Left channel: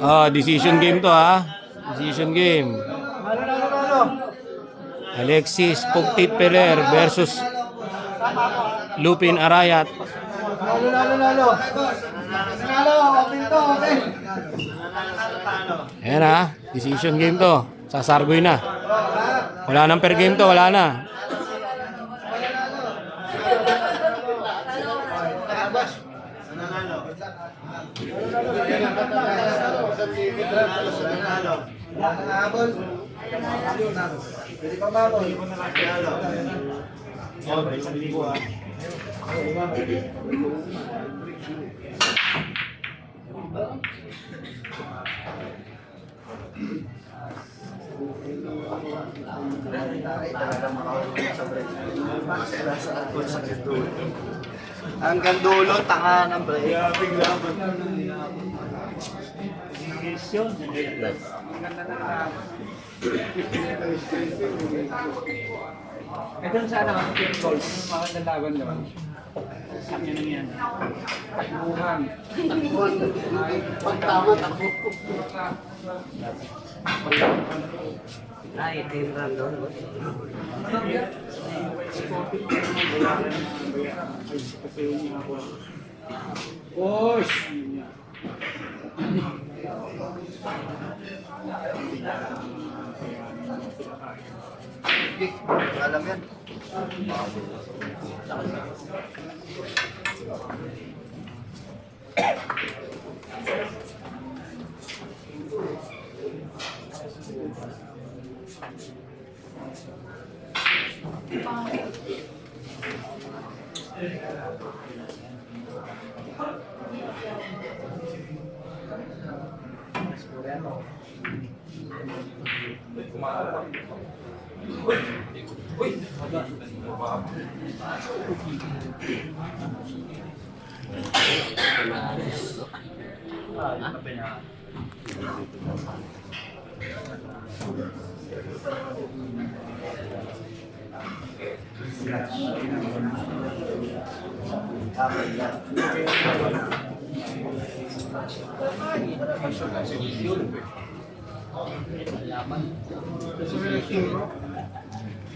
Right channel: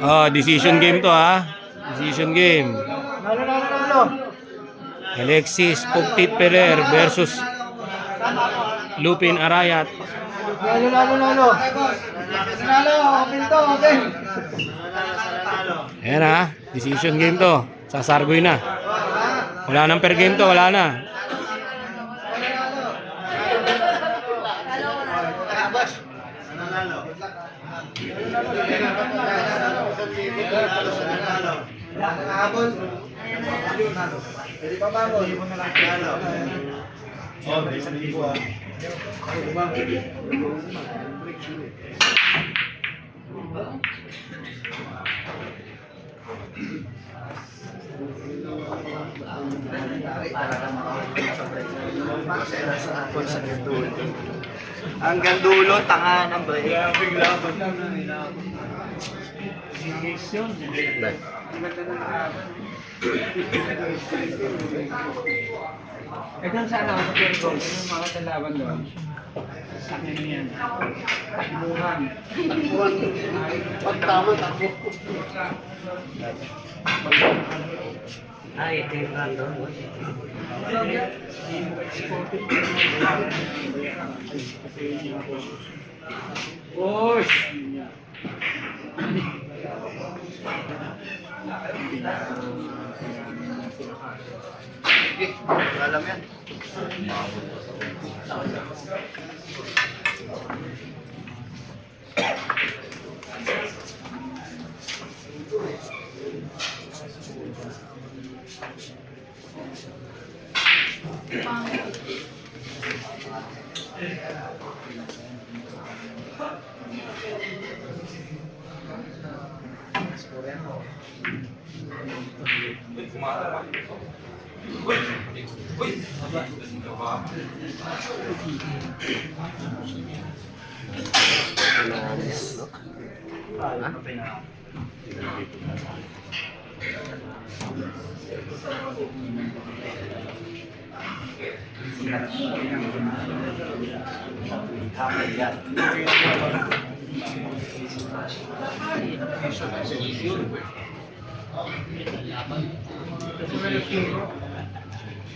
Oh, decision game to ha. Decision game. Alexis Pugtit Peler versus Lupin Arayat. Ayan ha, decision game to. Sasargoy na. Wala nang per game to, wala na. Jadi pamalo. Oh, bisa dibuat. Hanggang dulo, tanga ng break. Bigla ba? Ito sa ano, goals, mga dalawan doon. Sabi niya yan. Takbuhan. Pagtama, takbo. Ay, tingnan doon. Push! Alam yan.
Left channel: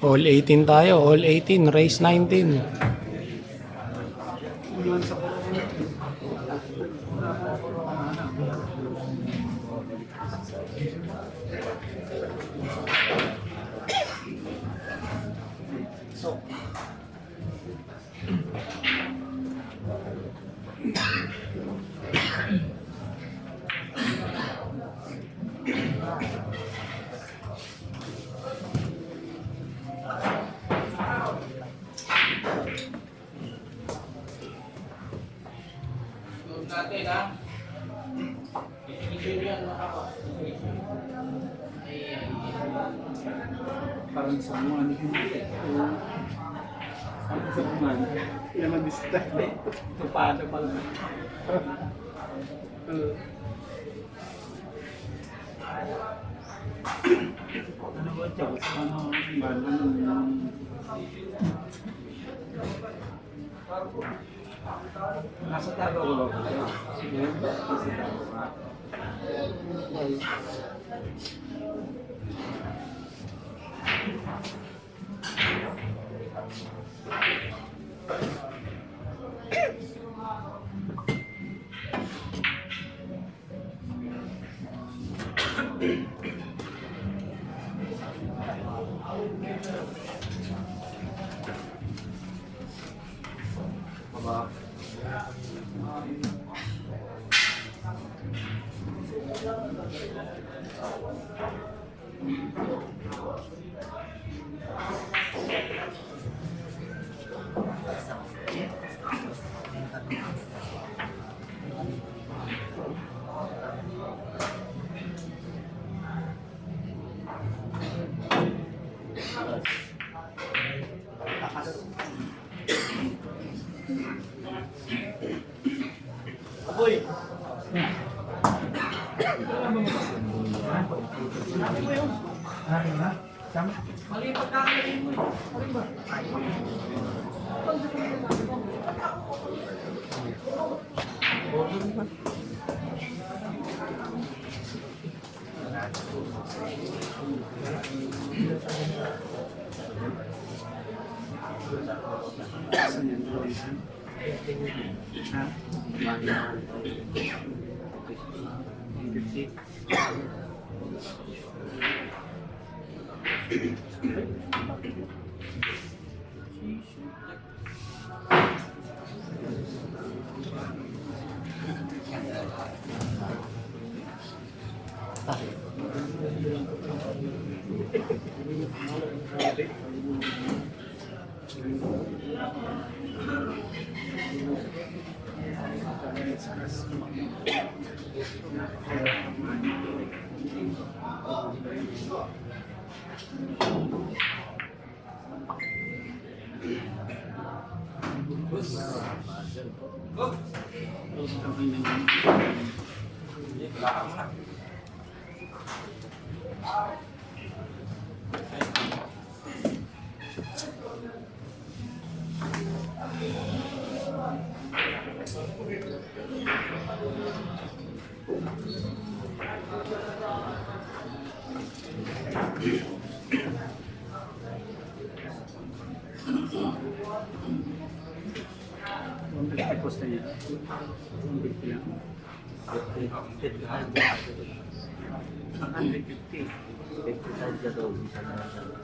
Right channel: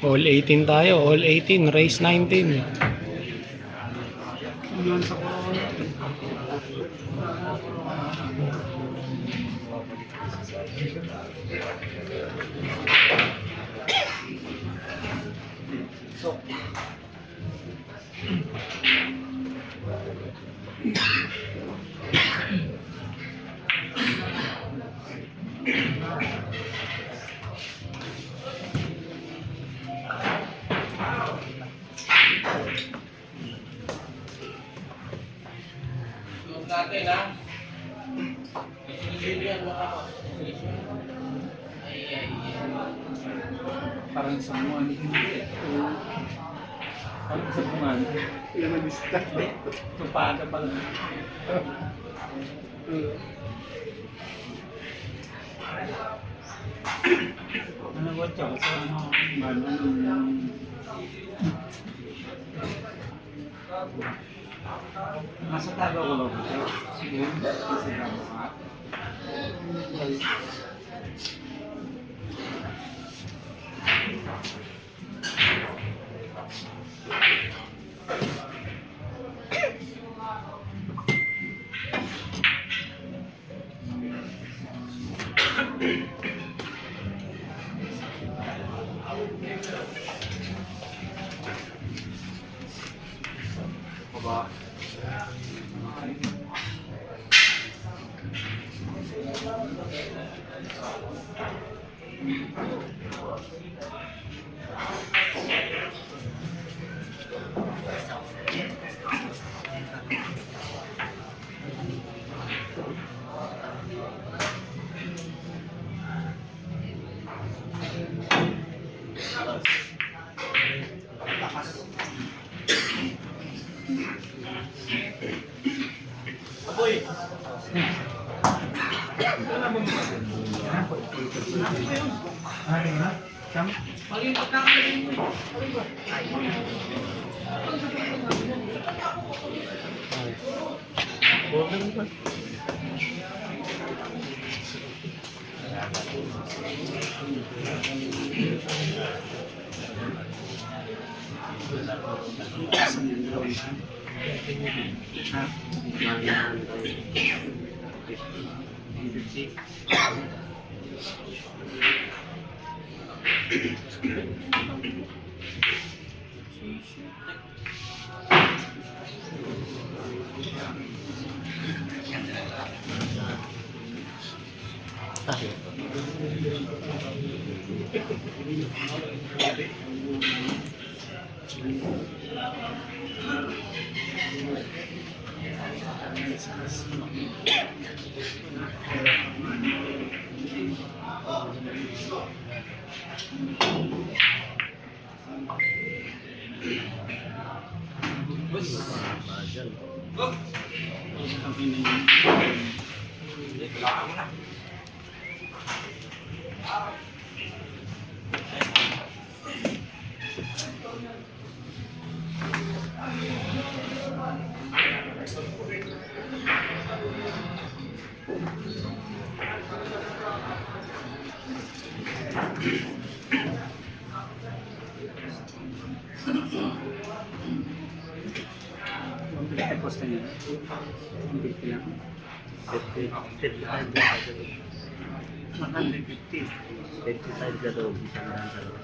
All 18 tayo, all 18, race 19. Natin ha. Parang sa mga parang sa mga Yan ang lista. tupada pa lang. Ano ba ito? Nasa tago ko ba ito? Sige. Aboy. Mali pagkakain mo. Posta niya. Hindi ko lang. 55 ka daw. Isa na lang talaga.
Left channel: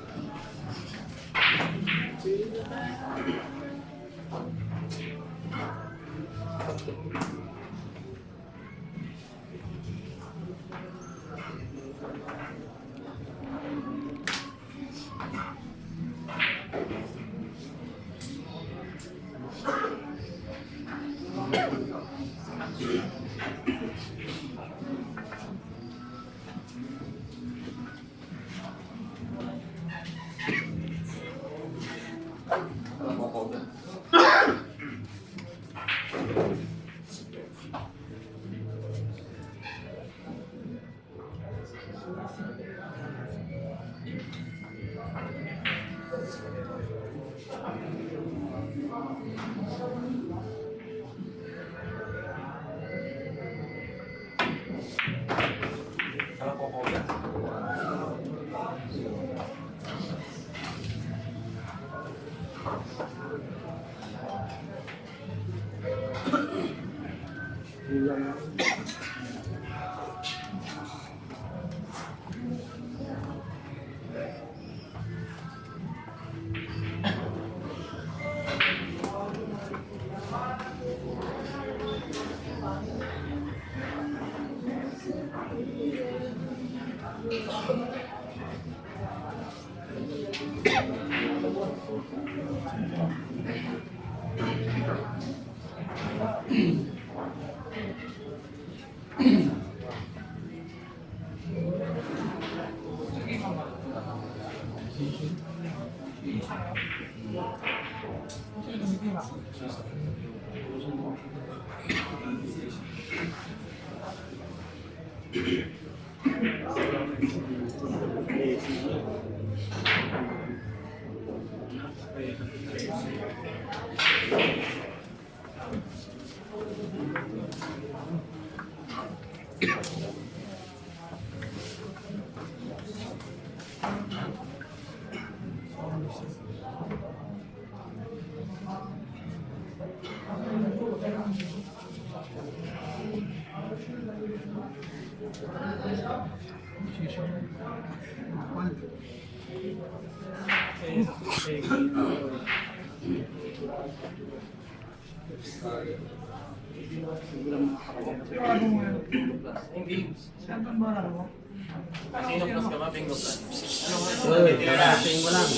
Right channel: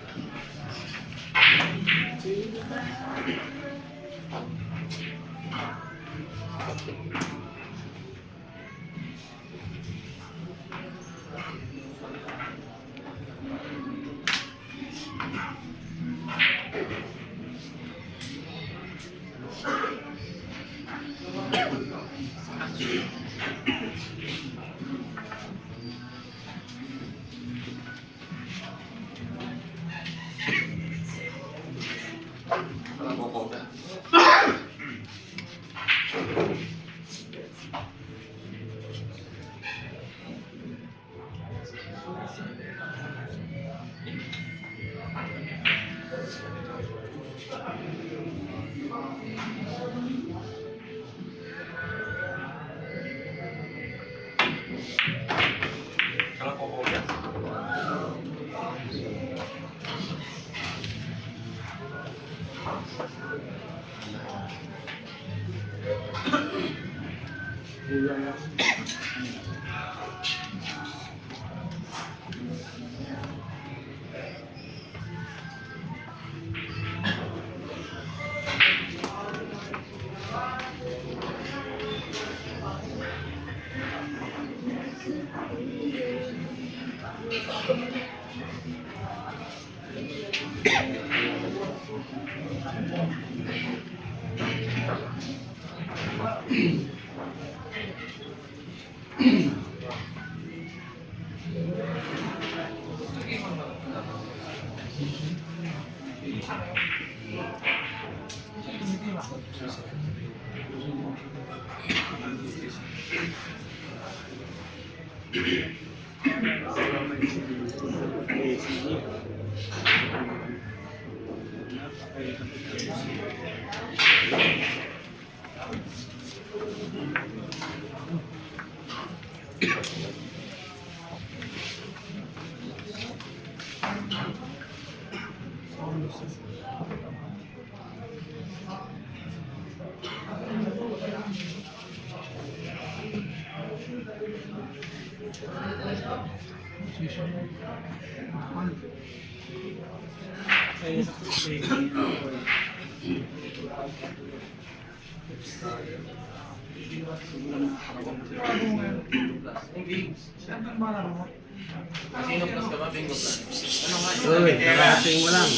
Karating mo lang.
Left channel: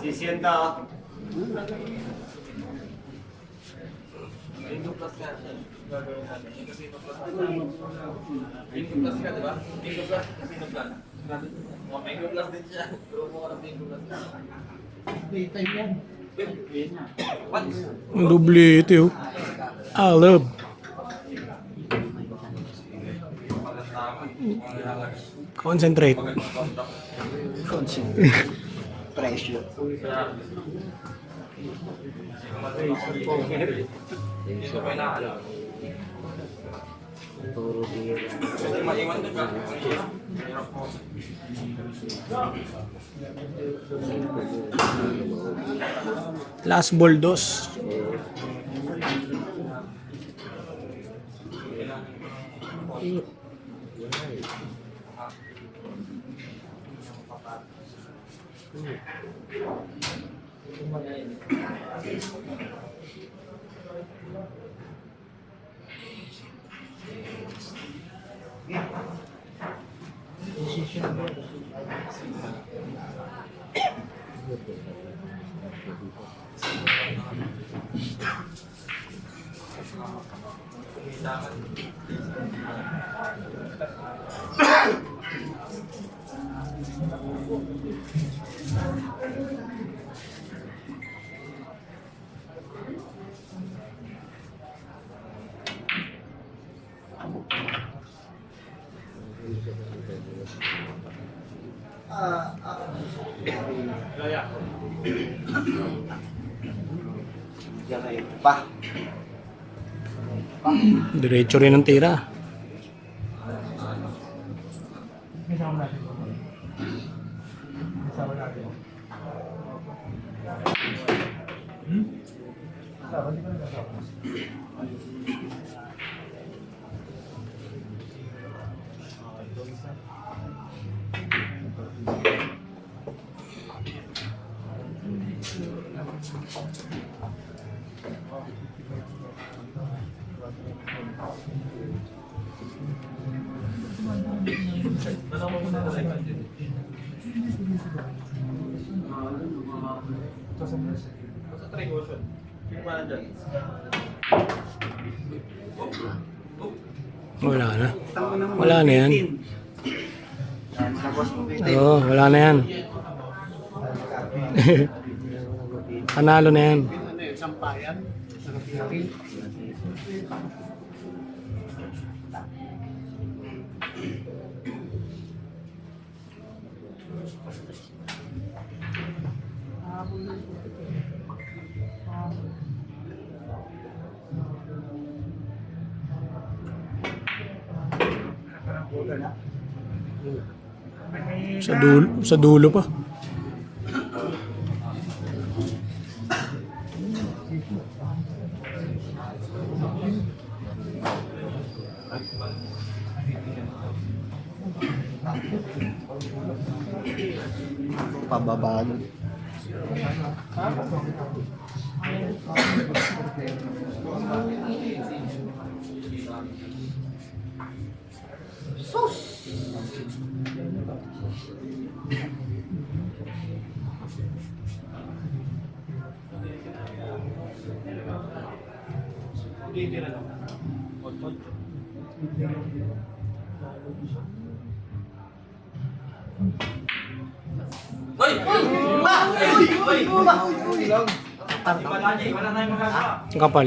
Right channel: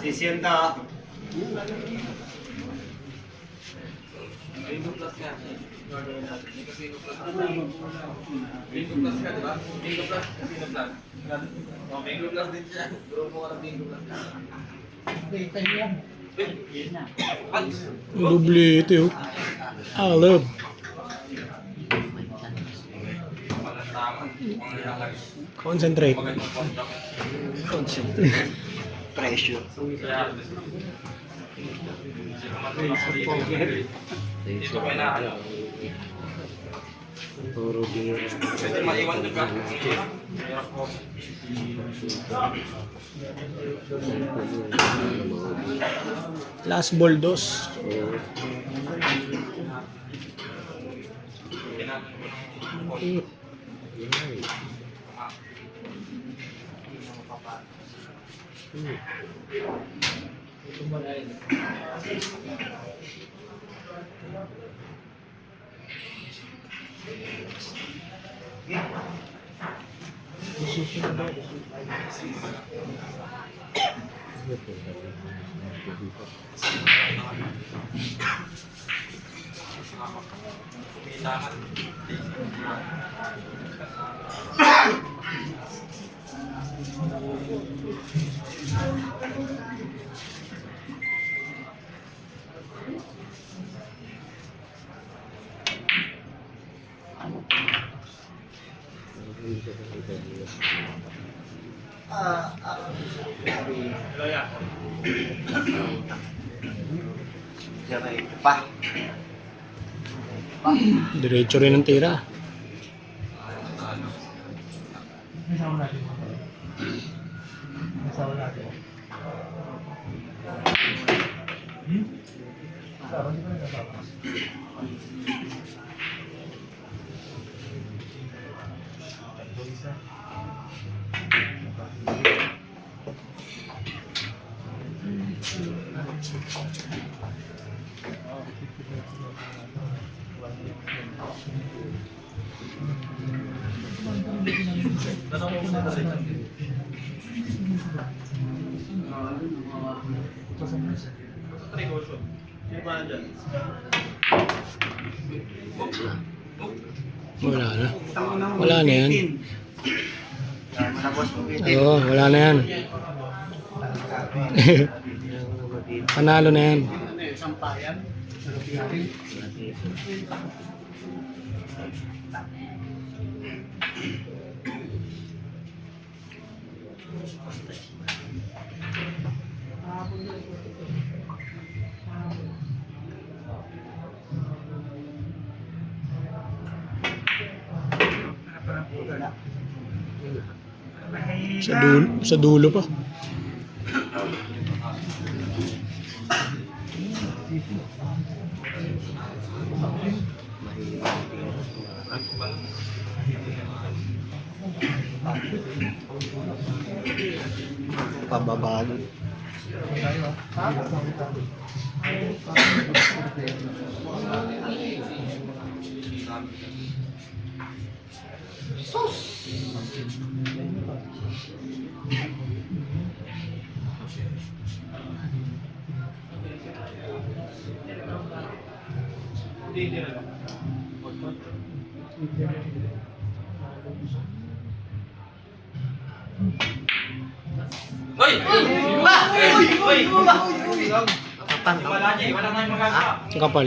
Sisienta. Bingo plus ka siya. Gagawin natin. Casino plus ka. Bingo plus ka, di ba? Bingo plus, casino plus. Oh, bingo plus din siya. Draw mo ka ng bingo plus. Dublete oh. Alab. Concentrate. Pressure. Dito pa na. Puro biro. Kasi maiwan ka. Last ball dos. Diyan ay pa. Diretso rin ang tira. Wala na. Wala na yan. Tama na boss mo bitin. Oo, wala na yan. Panalo na yan. Sa dulo pa. Pababa nun. Hoy! Wala na yung magagawa. Ang kapal.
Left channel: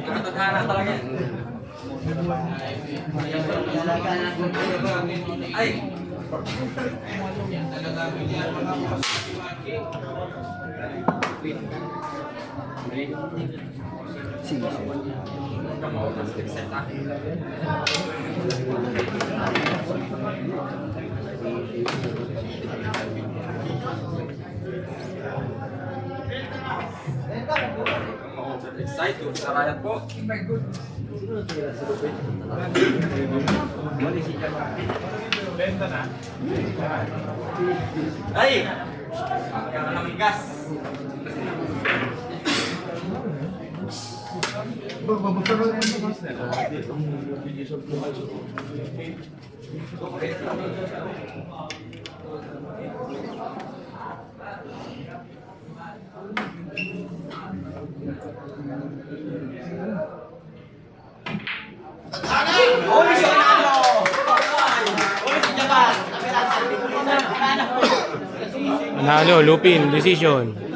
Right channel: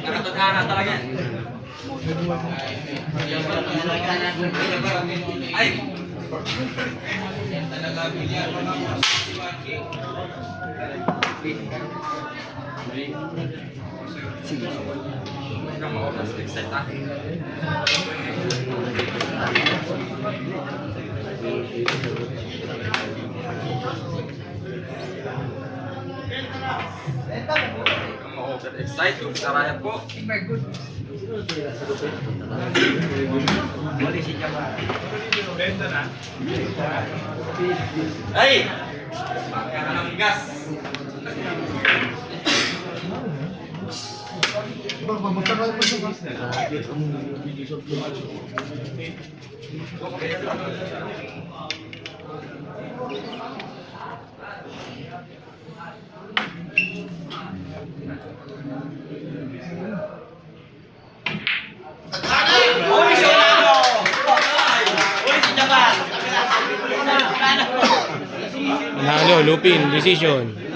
Nakatadhana talaga. Ay! Excited kung sarayat po. Ay! Kaya ka naman gas. Panalo, Lupin, decision.